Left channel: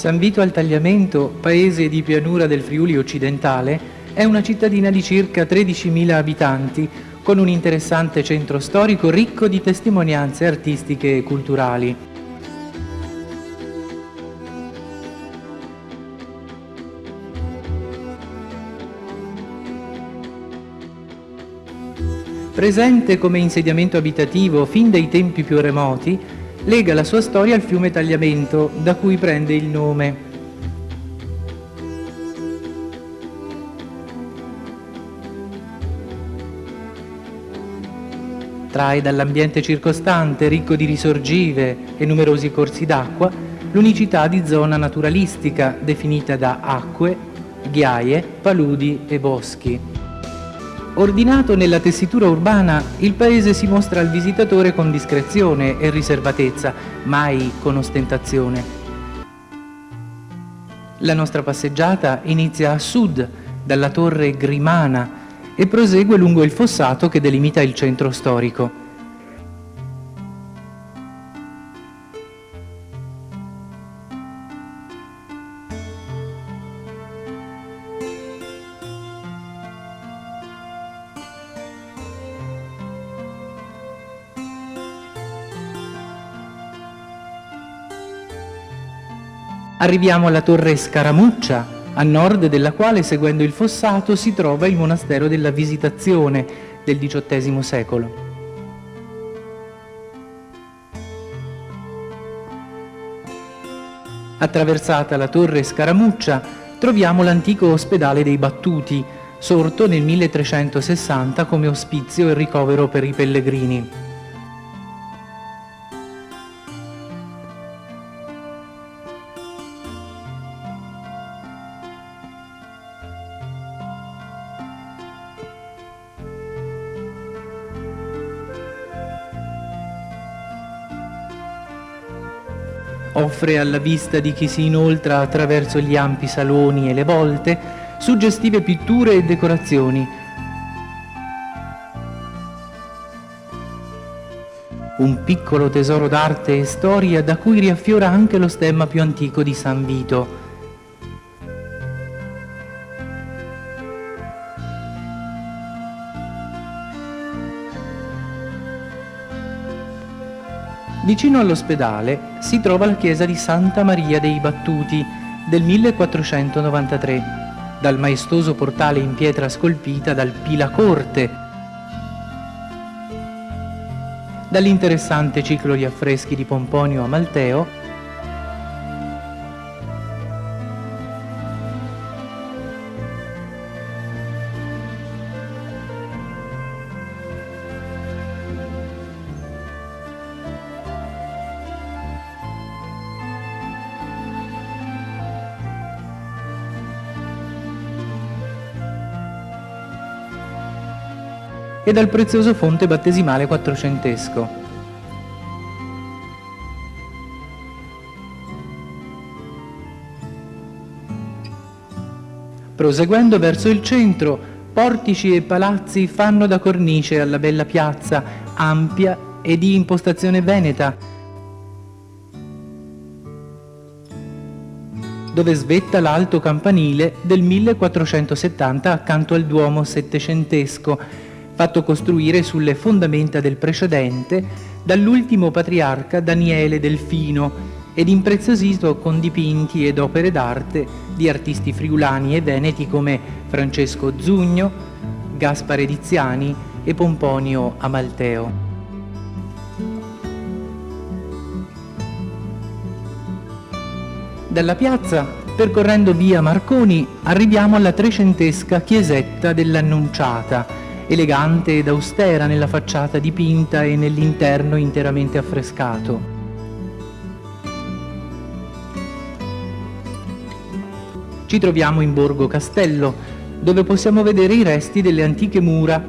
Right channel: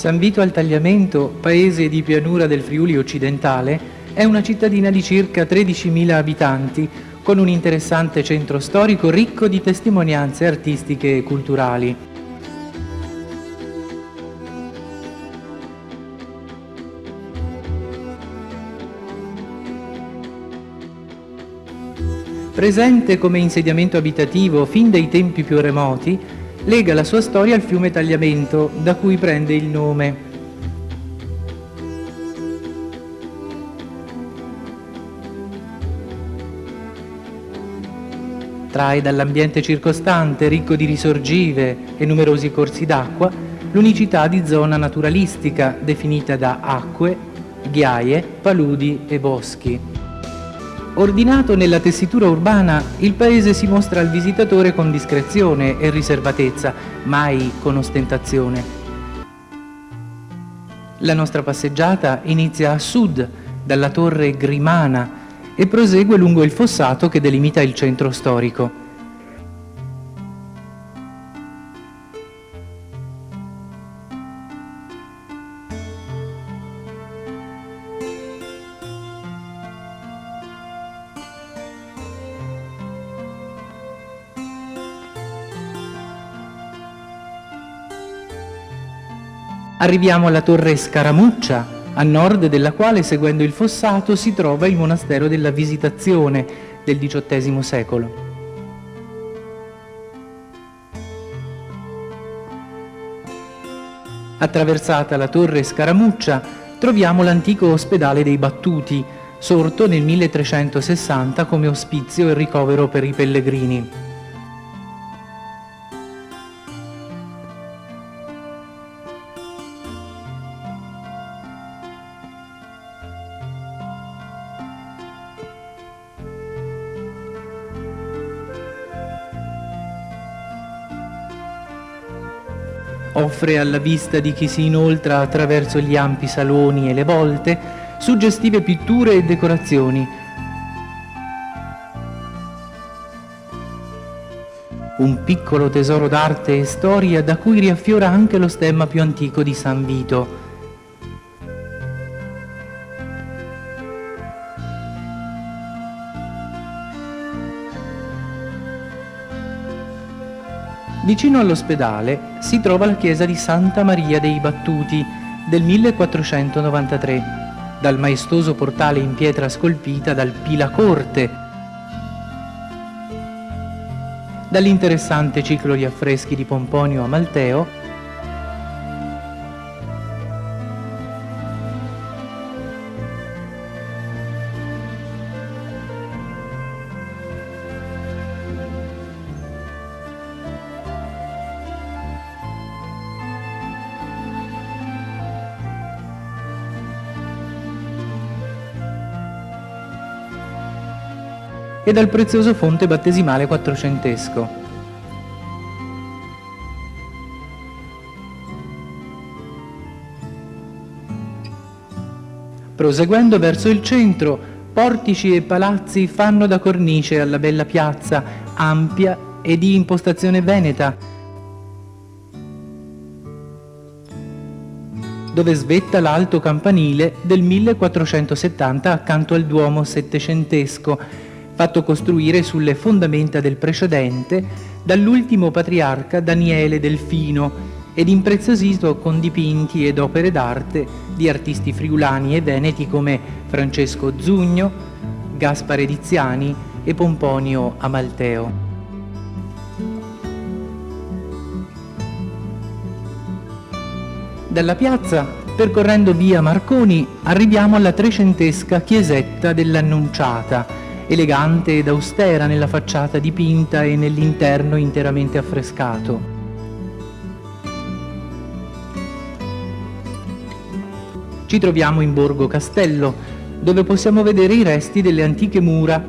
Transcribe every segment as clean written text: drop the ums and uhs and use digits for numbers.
San Vito al Tagliamento, paese di pianura del Friuli occidentale, è una cittadina di circa 13.000 abitanti, con un interessante centro storico ricco di testimonianze artistiche e culturali. Presente come insediamento abitativo fin dai tempi più remoti, lega la sua storia al fiume Tagliamento, da cui prende il nome. Trae dall'ambiente circostante, ricco di risorgive e numerosi corsi d'acqua, l'unicità di zona naturalistica definita da acque, ghiaie, paludi e boschi. Ordinato nella tessitura urbana, il paese si mostra al visitatore con discrezione e riservatezza, mai con ostentazione. La nostra passeggiata inizia a sud, dalla torre Grimana, e prosegue lungo il fossato che delimita il centro storico. Arriviamo alla torre Scaramuccia, a nord della quale, seguendo il fossato, si trova il monastero della Visitazione del XVIII secolo. Attraversata la torre Scaramuccia, troviamo l'antico ospedale dei Battuti, sorto nel 1360 come ospizio e ricovero per i pellegrini. Offre alla vista di chi si inoltra attraverso gli ampi saloni e le volte suggestive pitture e decorazioni. Un piccolo tesoro d'arte e storia da cui riaffiora anche lo stemma più antico di San Vito. Vicino all'ospedale si trova la chiesa di Santa Maria dei Battuti del 1493, dal maestoso portale in pietra scolpita dal Pilacorte, dall'interessante ciclo di affreschi di Pomponio Amalteo, e dal prezioso fonte battesimale quattrocentesco. Proseguendo verso il centro, portici e palazzi fanno da cornice alla bella piazza, ampia e di impostazione veneta, dove svetta l'alto campanile del 1470 accanto al Duomo settecentesco, fatto costruire sulle fondamenta del precedente dall'ultimo patriarca Daniele Delfino ed impreziosito con dipinti ed opere d'arte di artisti friulani e veneti come Francesco Zugno, Gaspare Diziani e Pomponio Amalteo. Dalla piazza, percorrendo via Marconi, arriviamo alla trecentesca chiesetta dell'Annunciata, elegante ed austera nella facciata dipinta e nell'interno interamente affrescato. Ci troviamo in Borgo Castello, dove possiamo vedere i resti delle antiche mura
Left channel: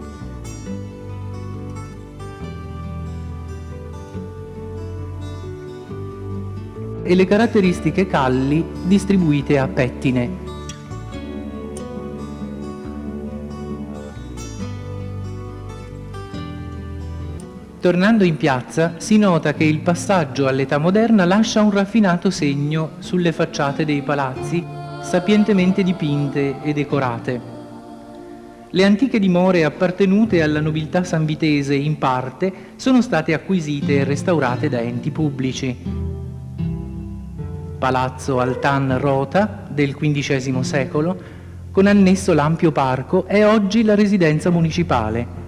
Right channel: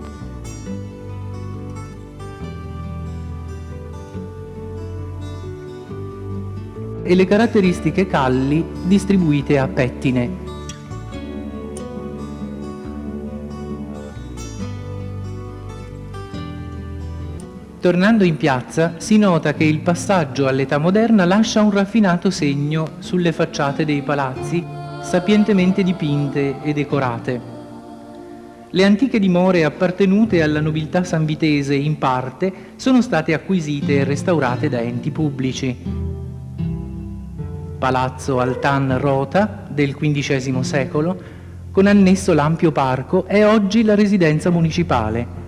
e le caratteristiche calli distribuite a pettine. Tornando in piazza, si nota che il passaggio all'età moderna lascia un raffinato segno sulle facciate dei palazzi, sapientemente dipinte e decorate. Le antiche dimore appartenute alla nobiltà sanvitese in parte sono state acquisite e restaurate da enti pubblici. Palazzo Altan Rota del XV secolo, con annesso l'ampio parco, è oggi la residenza municipale.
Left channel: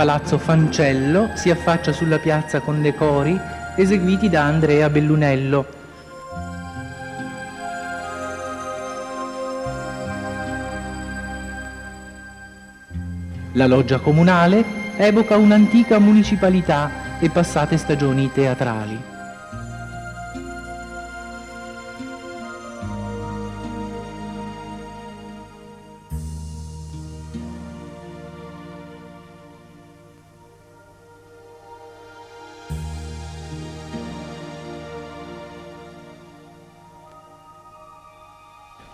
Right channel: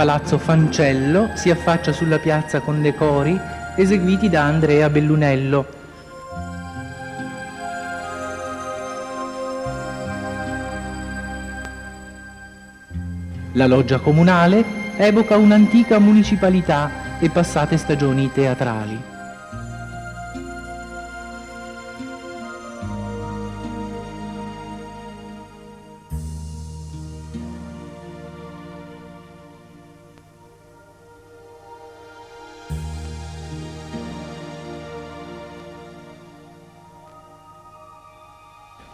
Palazzo Fancello si affaccia sulla piazza con decori eseguiti da Andrea Bellunello. La loggia comunale evoca un'antica municipalità e passate stagioni teatrali.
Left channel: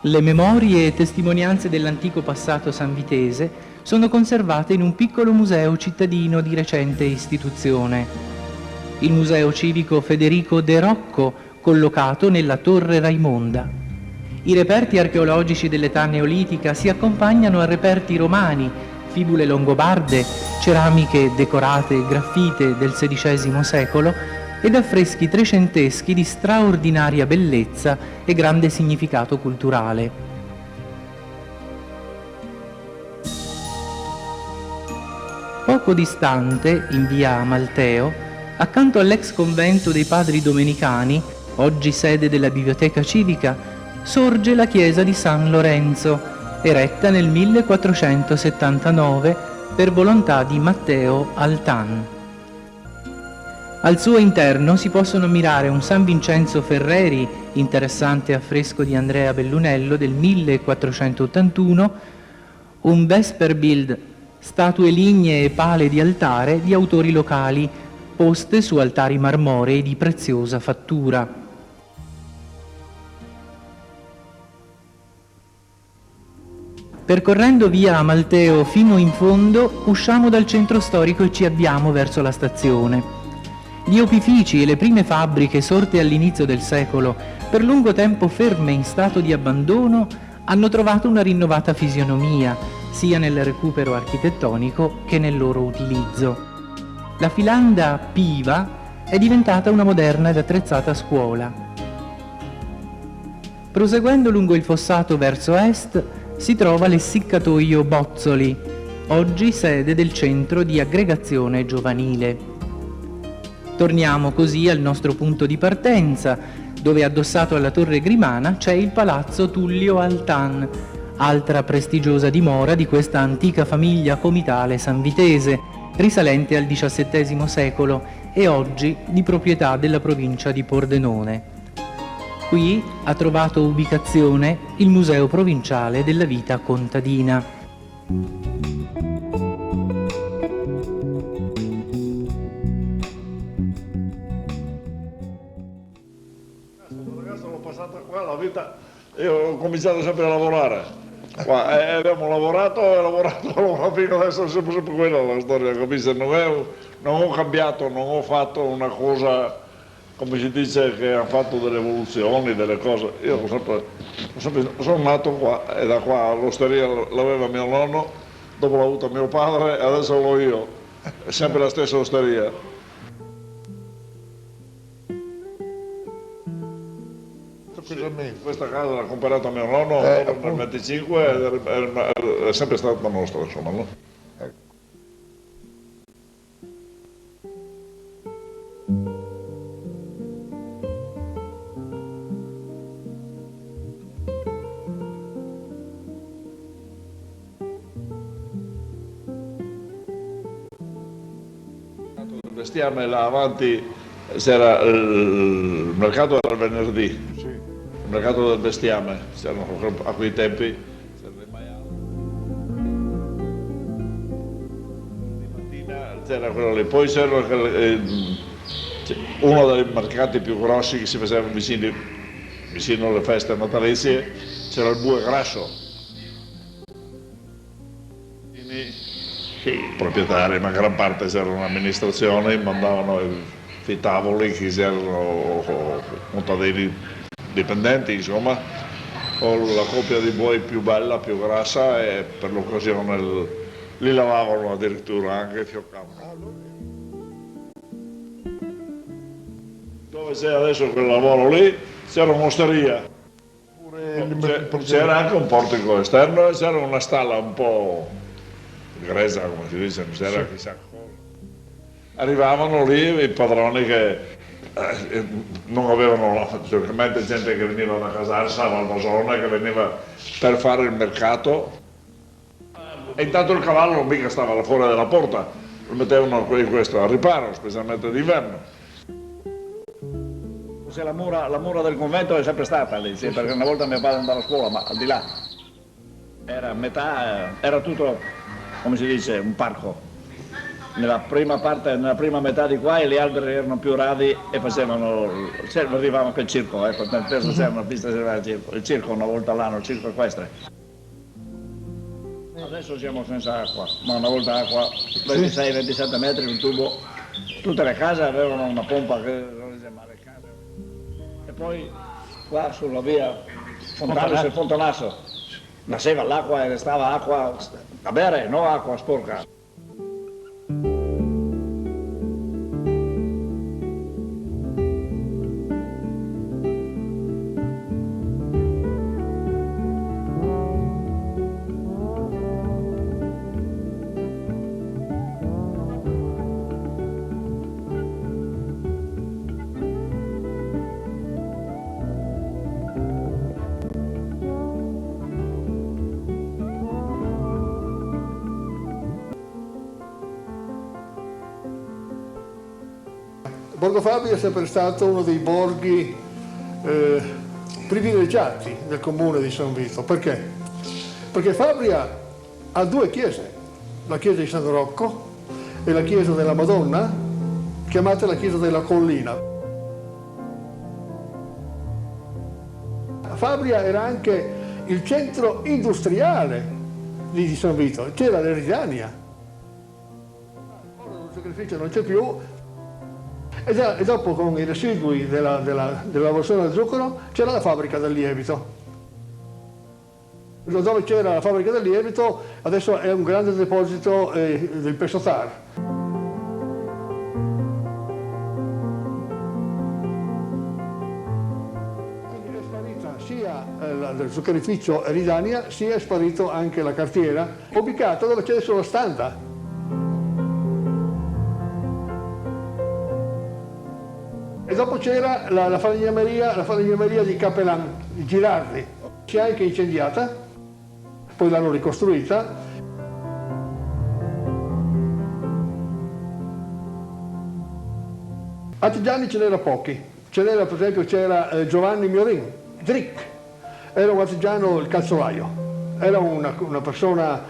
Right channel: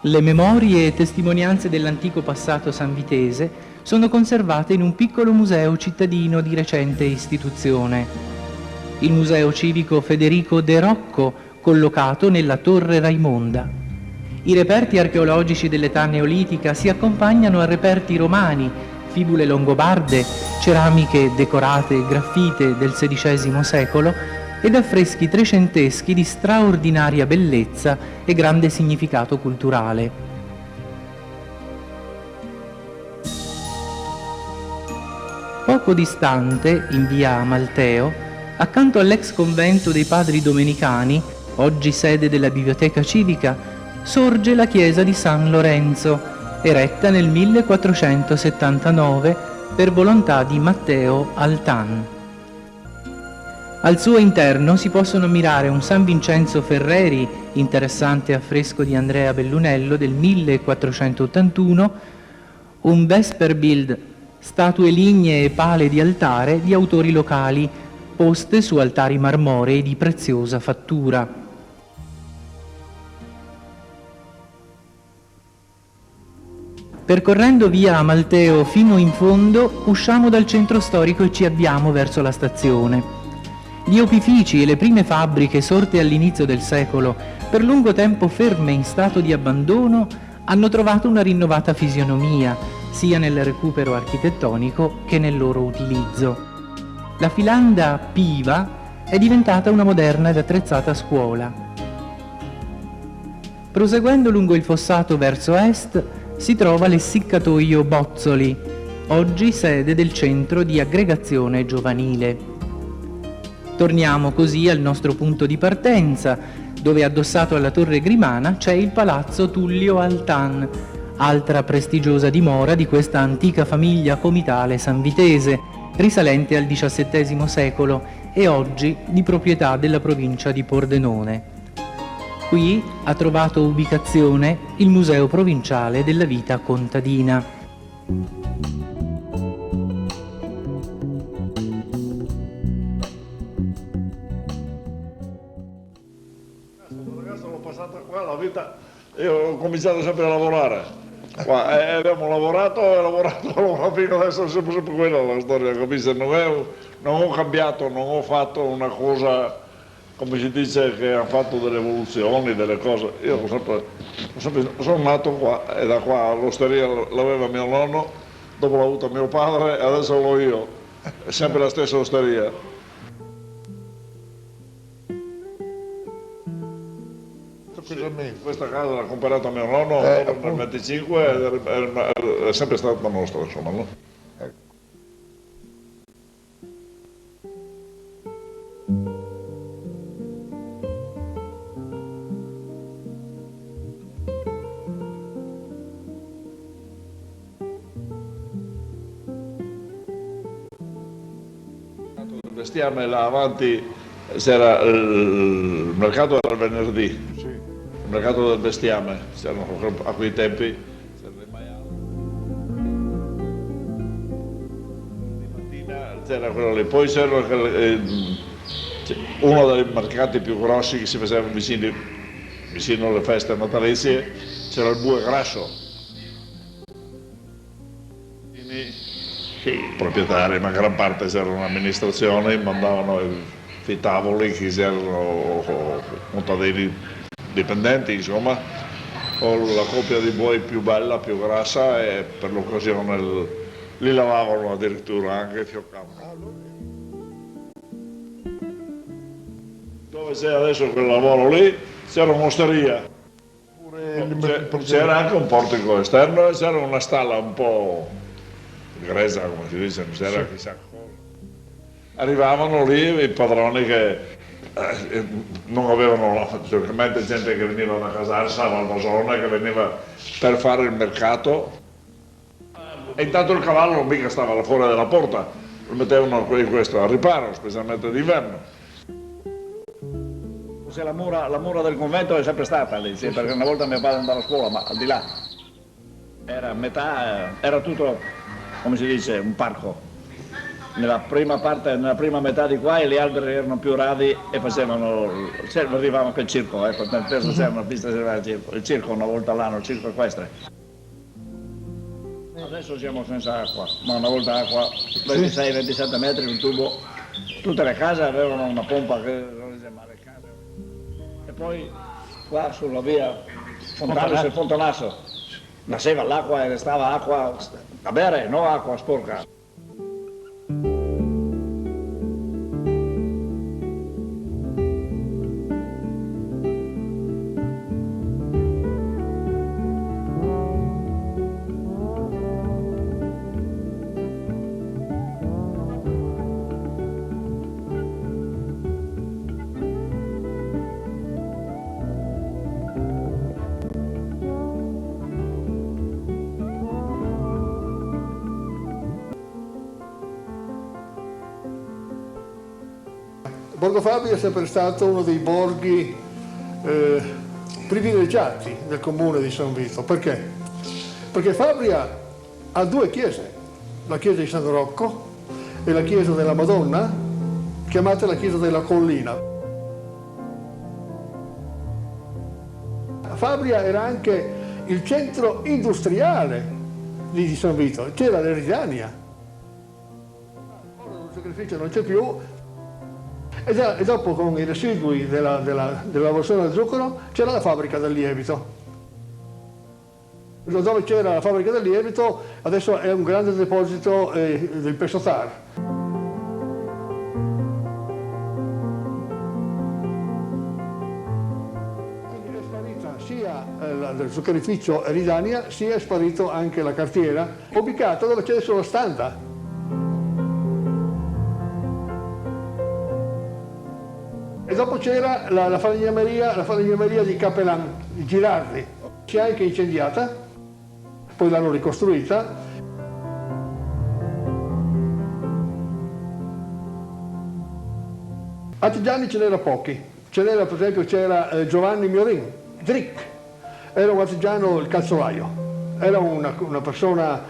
Le memorie e testimonianze dell'antico passato sanvitese sono conservate in un piccolo museo cittadino di recente istituzione, il Museo Civico Federico De Rocco, collocato nella Torre Raimonda. I reperti archeologici dell'età neolitica si accompagnano a reperti romani, fibule longobarde, ceramiche decorate e graffite del XVI secolo ed affreschi trecenteschi di straordinaria bellezza e grande significato culturale. Poco distante, in via Amalteo, accanto all'ex convento dei Padri Domenicani, oggi sede della Biblioteca Civica, sorge la chiesa di San Lorenzo, eretta nel 1479 per volontà di Matteo Altan. Al suo interno si possono ammirare un San Vincenzo Ferreri, interessante affresco di Andrea Bellunello del 1481, un Vesperbild, statue lignee e pale di altare di autori locali, poste su altari marmorei di preziosa fattura. Percorrendo via Amalteo fino in fondo, usciamo dal centro storico e ci avviamo verso la stazione. Gli opifici e le prime fabbriche sorte all'inizio del secolo, per lungo tempo ferme in stato di abbandono, hanno trovato una rinnovata fisionomia, sia nel recupero architettonico che nel loro utilizzo. La filanda Piva è diventata una moderna ed attrezzata scuola. Proseguendo lungo il fossato verso est, si trova l'Essiccatoio Bozzoli, oggi sede del centro di aggregazione giovanile. Torniamo così al nostro punto di partenza, dove addossato alla Torre Grimana c'è il Palazzo Tullio Altan, altra prestigiosa dimora di questa antica famiglia comitale sanvitese, risalente al XVII secolo e oggi di proprietà della provincia di Pordenone. Qui ha trovato ubicazione il Museo Provinciale della Vita Contadina. Io ho cominciato sempre a lavorare qua e abbiamo lavorato fino adesso è sempre quella la storia, capisci? Non ho cambiato, non ho fatto una cosa, come si dice, che ha fatto delle evoluzioni, delle cose. Io sono nato qua e da qua l'osteria l'aveva mio nonno, dopo l'ha avuta mio padre e adesso l'ho io, è sempre la stessa osteria. tranquillamente. Questa casa l'ha comprata mio nonno nel 25 è sempre stata nostra, insomma, no? Il bestiame là avanti c'era il mercato era il venerdì. Sì. Il mercato del bestiame, c'erano a quei tempi, c'erano i maiali. Di mattina c'era quello lì, poi c'era uno dei mercati più grossi che si facevano vicino alle feste natalizie, c'era il Bue Grasso. I proprietari, ma gran parte c'erano amministrazioni, mandavano i tavoli, chi c'erano contadini dipendenti, insomma, con la coppia di buoi più bella, più grassa e per l'occasione li lavavano addirittura, anche fioccavano. Dove c'è adesso quel lavoro lì c'era un'osteria, c'era anche un portico esterno e c'era una stalla un po' grezza, come si dice, non c'era chissà cosa. Arrivavano lì i padroni che non avevano, sicuramente gente che veniva da Casarsa, a Valbasona, che veniva per fare il mercato, e intanto il cavallo non mica stava là fuori della porta, lo mettevano in questo a riparo, specialmente d'inverno. La mura del convento è sempre stata lì, sì, perché una volta mio padre andava a scuola, ma al di là era metà, era tutto, come si dice, un parco. Nella prima metà di qua e gli alberi erano più radi e arrivava anche il circo, penso c'era una pista il circo una volta all'anno, il circo equestre. Adesso siamo senza acqua, ma una volta acqua, 26-27 metri, un tubo, tutte le case avevano una pompa che reggeva le case. E poi qua sulla via Fontanasso nasceva l'acqua e restava acqua da bere, non acqua sporca. Borgo Fabri è sempre stato uno dei borghi privilegiati del comune di San Vito. Perché? Perché Fabria ha due chiese, la chiesa di San Rocco e la chiesa della Madonna, chiamata la chiesa della Collina. Fabria era anche il centro industriale di San Vito, c'era l'Eridania. Ora lo sacrificio non c'è più. E dopo con i residui della lavorazione del zucchero c'era la fabbrica del lievito. Dove c'era la fabbrica del lievito adesso è un grande deposito del Pesotar. Quindi è sparita sia il zuccherificio Eridania sia è sparito anche la cartiera, ubicata dove c'è adesso la Standa. E dopo c'era la falegnameria di Capelan, di Girardi, si è anche incendiata, poi l'hanno ricostruita. Artigiani ce n'era pochi, per esempio c'era Giovanni Miorin, Drick, era un artigiano, il calzolaio, era una persona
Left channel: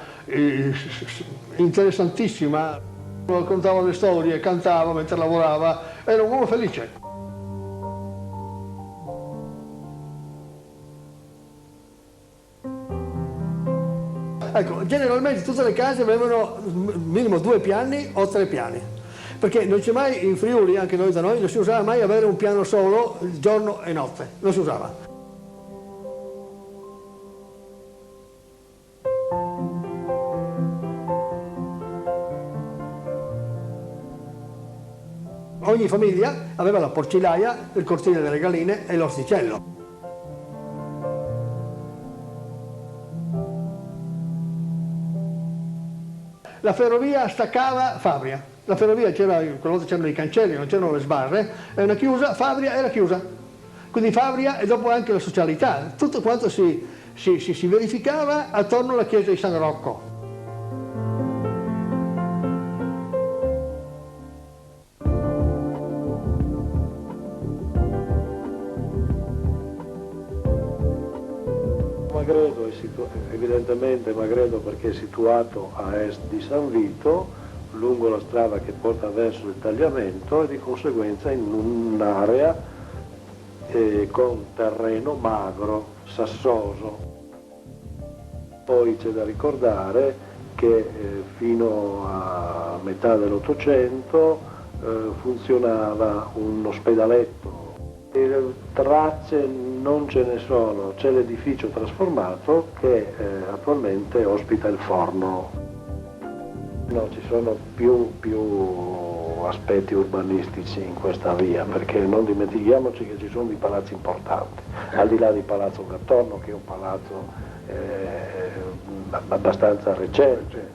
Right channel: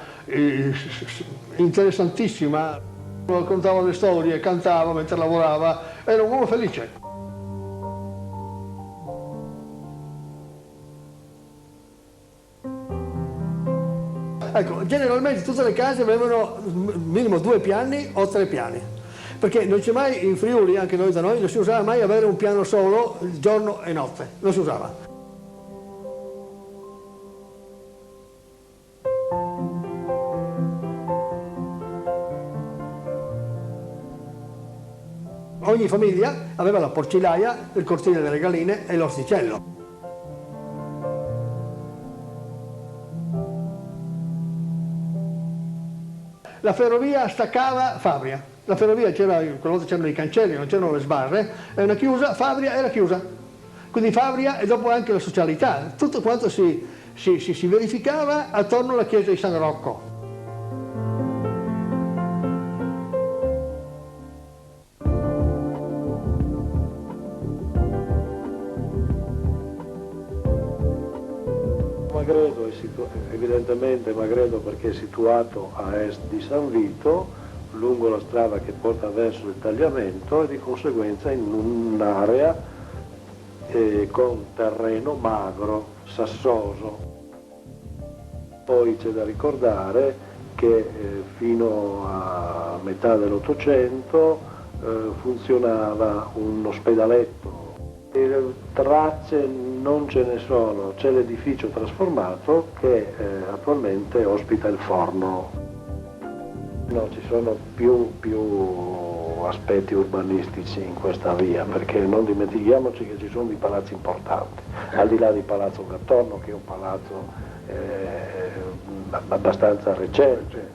interessantissima, raccontava le storie, cantava mentre lavorava, era un uomo felice. Ecco, generalmente tutte le case avevano minimo 2 piani o 3 piani, perché non c'è mai in Friuli, anche noi da noi, non si usava mai avere un piano solo giorno e notte, non si usava. Ogni famiglia aveva la porcilaia, il cortile delle galline e l'orticello. la ferrovia staccava Fabria. La ferrovia c'era, quella volta c'erano i cancelli, non c'erano le sbarre, era chiusa, Fabria era chiusa. Quindi Fabria e dopo anche la socialità, tutto quanto si verificava attorno alla chiesa di San Rocco. Magredo evidentemente Magredo perché è situato a est di San Vito, lungo la strada che porta verso il tagliamento e di conseguenza in un'area con terreno magro, sassoso. Poi c'è da ricordare che fino a metà dell'Ottocento funzionava un ospedaletto. Tracce non ce ne sono, c'è l'edificio trasformato che attualmente ospita il forno. No, ci sono più aspetti urbanistici in questa via, perché non dimentichiamoci che ci sono dei palazzi importanti, al di là di Palazzo Gattorno, che è un palazzo abbastanza recente,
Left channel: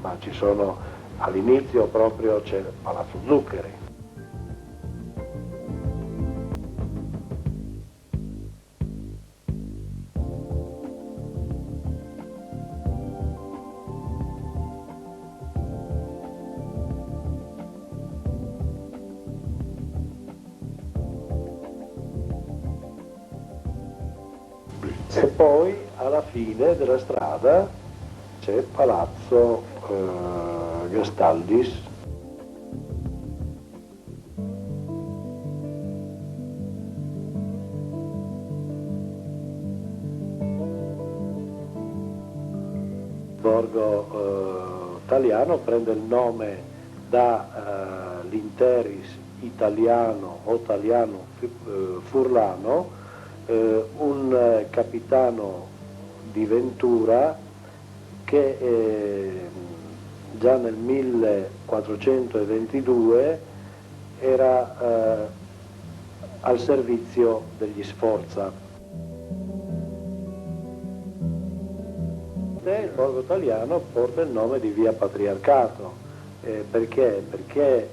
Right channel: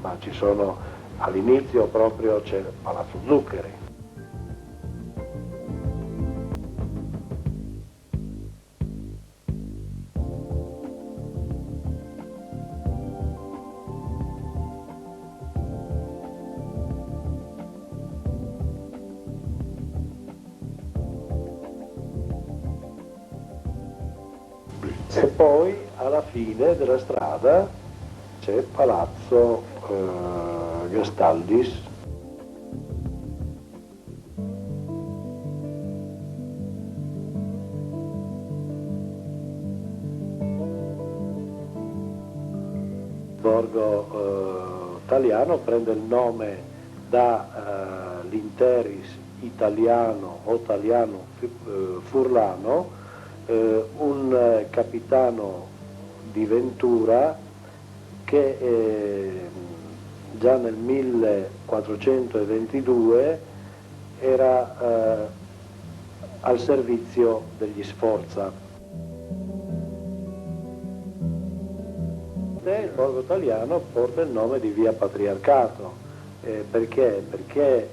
ma ci sono all'inizio proprio c'è Palazzo Zuccheri. E poi alla fine della strada c'è Palazzo Gastaldis. Il borgo italiano prende il nome da l'Interis Italiano o Italiano Furlano, un capitano di Ventura che già nel 1422 era al servizio degli Sforza. E il borgo italiano porta il nome di via Patriarcato. Perché? Perché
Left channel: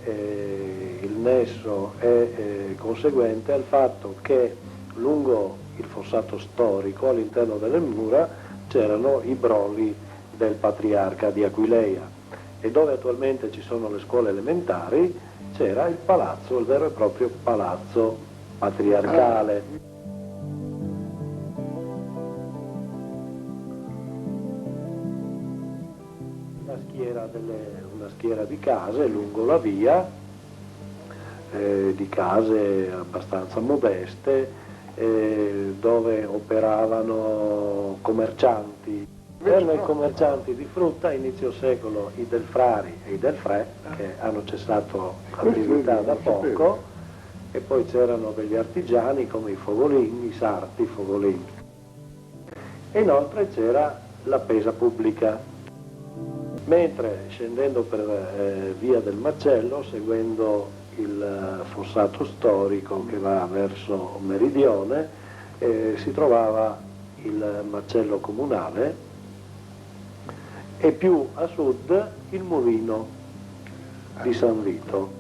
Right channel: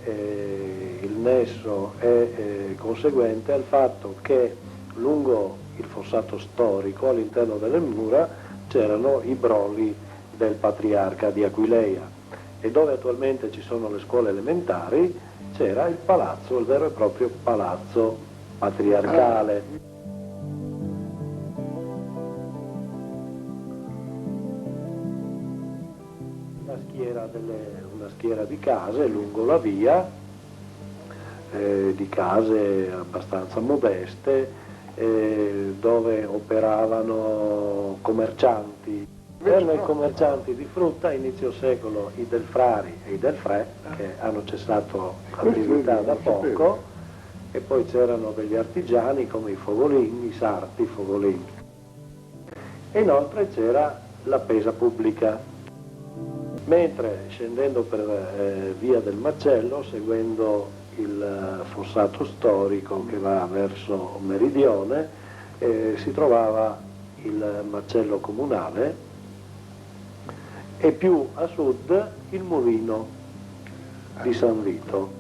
il nesso è conseguente al fatto che lungo il fossato storico, all'interno delle mura, c'erano i broli del patriarca di Aquileia e dove attualmente ci sono le scuole elementari c'era il palazzo, il vero e proprio palazzo patriarcale. Una schiera di case lungo la via, di case abbastanza modeste, dove operavano commercianti. Erano i commercianti di frutta a inizio secolo, i Delfrari e i Delfrè, che hanno cessato l'attività da poco, e poi c'erano degli artigiani come i Fogolin, i sarti Fogolin. E inoltre c'era la pesa pubblica. Mentre scendendo per via del Macello, seguendo il fossato storico che va verso meridione, si trovava il macello comunale e più a sud il mulino di San Vito.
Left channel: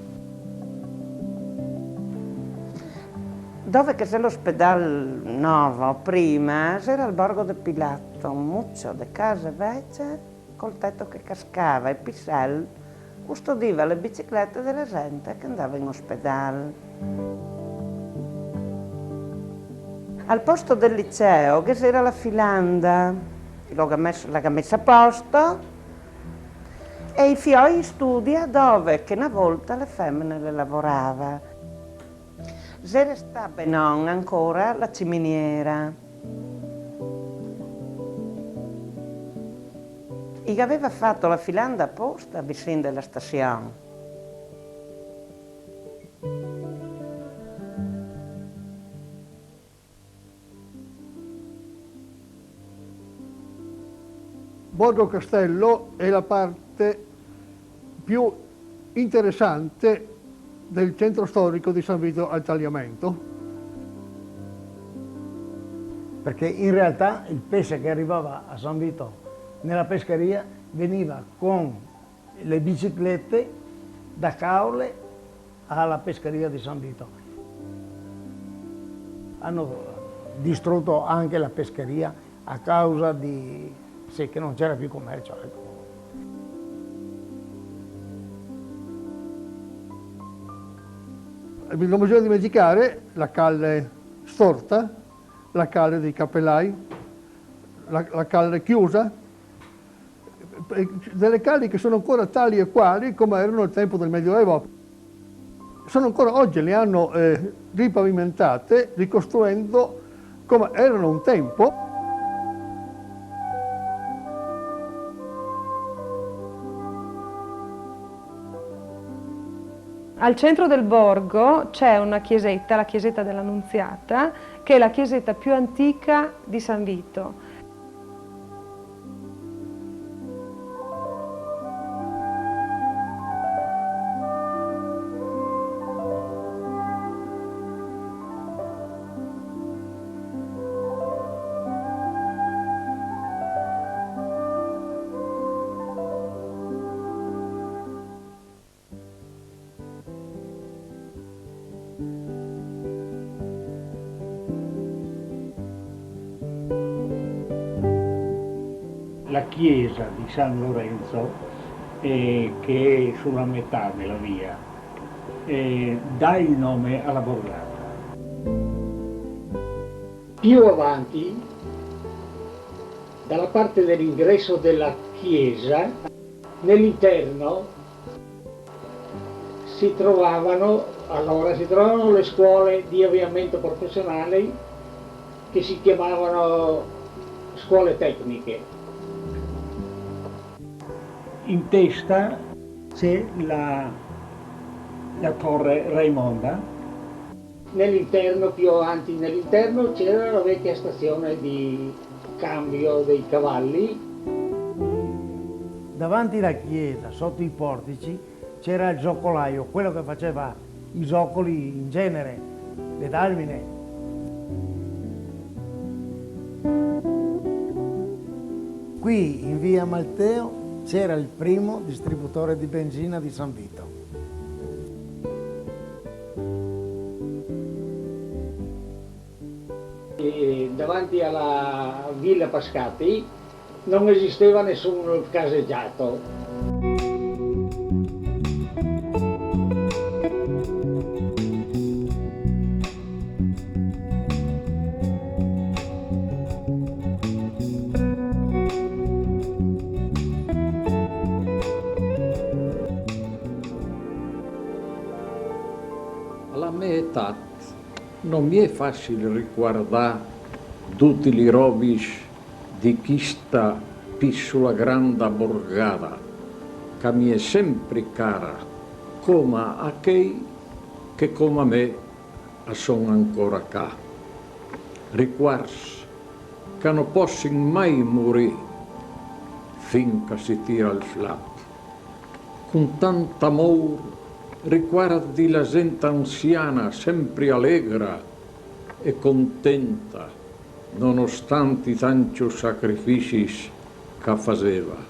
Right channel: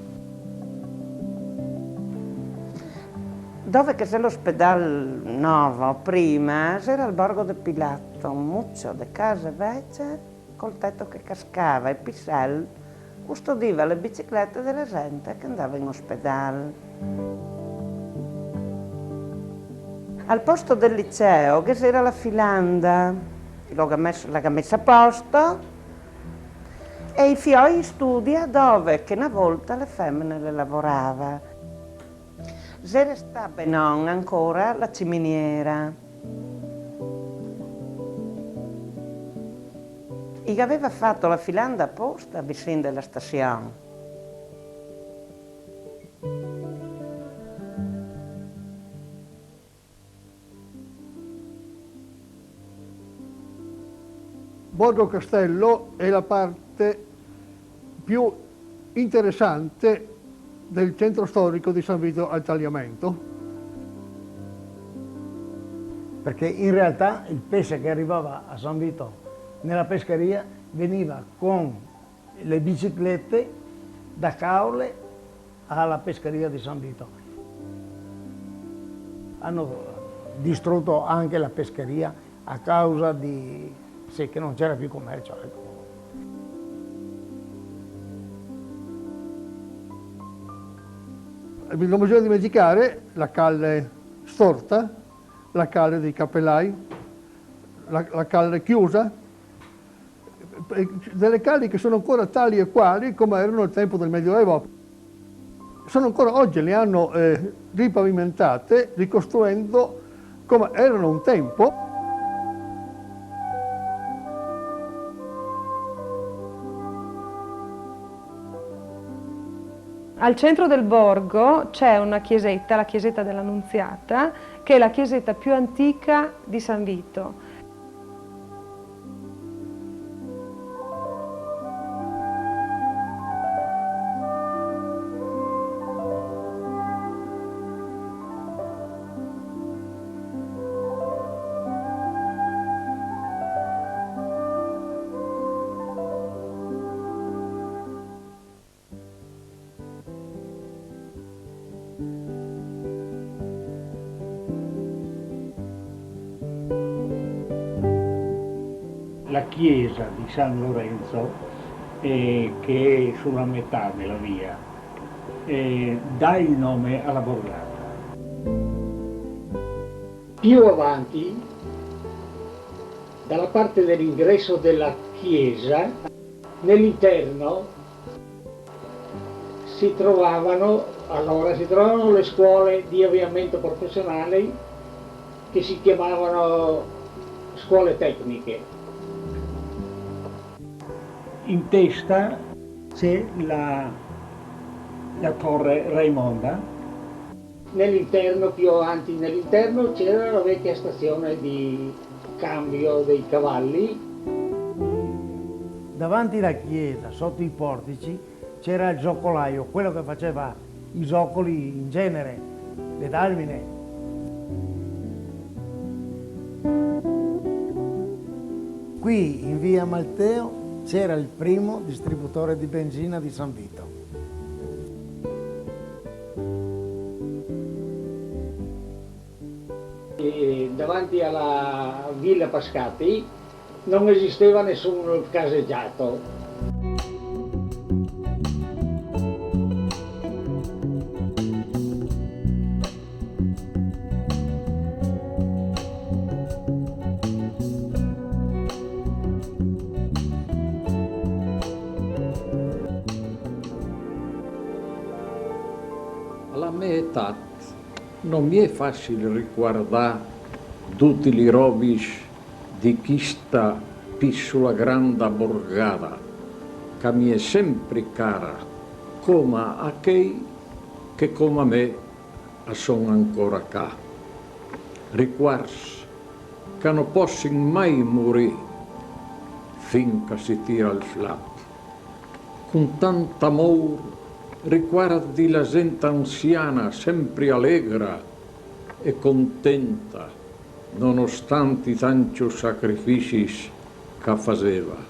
Dove che c'è l'ospedale nuovo, prima c'era il borgo del Pilatto, un muccio di case vecchie col tetto che cascava e Pissel custodiva le biciclette della gente che andava in ospedale. Al posto del liceo che c'era la filanda, l'ha messa a posto, e i fioi in studia dove che una volta le femmine le lavorava. C'era sta non ancora la ciminiera. E aveva fatto la filanda apposta vicino alla stazione. Borgo Castello è la parte più interessante del centro storico di San Vito al Tagliamento. Perché in realtà il pesce che arrivava a San Vito nella pescheria veniva con le biciclette da Caole alla pescheria di San Vito. Hanno distrutto anche la pescheria a causa di che non c'era più commercio. Ecco. Non bisogna dimenticare la calle storta, la calle dei cappellai, la calle chiusa, delle calli che sono ancora tali e quali come erano al tempo del Medioevo. Sono ancora oggi, le hanno ripavimentate, ricostruendo come erano un tempo. Al centro del borgo c'è una chiesetta, la chiesetta dell'Annunziata, che è la chiesetta più antica di San Vito. La chiesa di San Lorenzo, che è sulla metà della via, dà il nome alla borgata. Più avanti, dalla parte dell'ingresso della chiesa, nell'interno si trovavano le scuole di avviamento professionale che si chiamavano scuole tecniche. In testa c'è la torre Raimonda. Nell'interno, più avanti nell'interno, c'era la vecchia stazione di cambio dei cavalli. Davanti alla chiesa, sotto i portici, c'era il zoccolaio, quello che faceva i zoccoli in genere, le dalmine. Qui in via Malteo c'era il primo distributore di benzina di San Vito. E davanti alla Villa Pascati non esisteva nessun caseggiato. Alla mia età non mi è facile ricordare tutti i rovis di questa piccola grande borgata che mi è sempre cara, come a chi che come me sono ancora qua. Ricordi che non possono mai morire finché si tira il flap. Con tanto amore ricordi la gente anziana sempre allegra e contenta, nonostante i tanti sacrifici che faceva.